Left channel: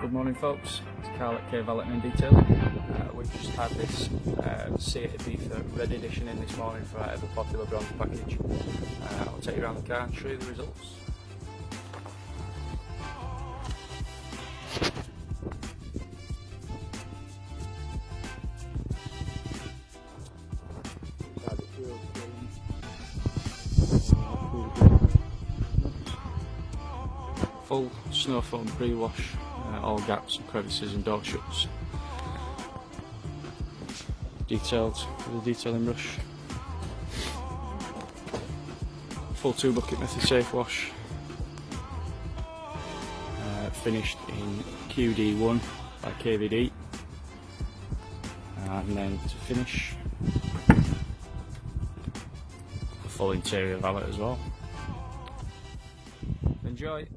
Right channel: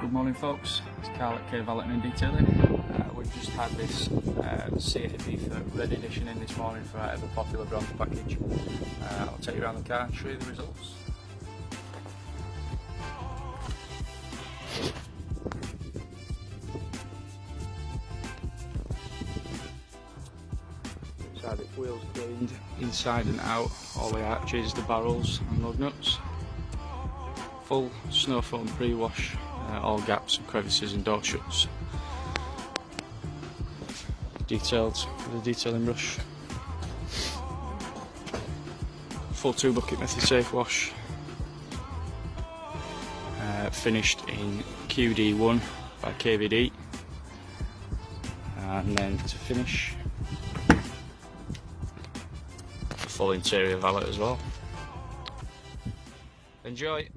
Good morning folks, it's Carl at KA Valeting Detailing. We've just had this KA Ibiza Red Edition in this morning for our ever popular bronze package. I'll take you around the car and show you the results. So the wheels cleaned inside and out, all the arches, the barrels and lug nuts. Full snow foam pre-wash, all gaps and crevices and door shuts. Detailed with a detailing brush. Full 2 bucket method safe wash. Finished in QD1 by KAVD. And then to finish, a full interior valet as well. Enjoy!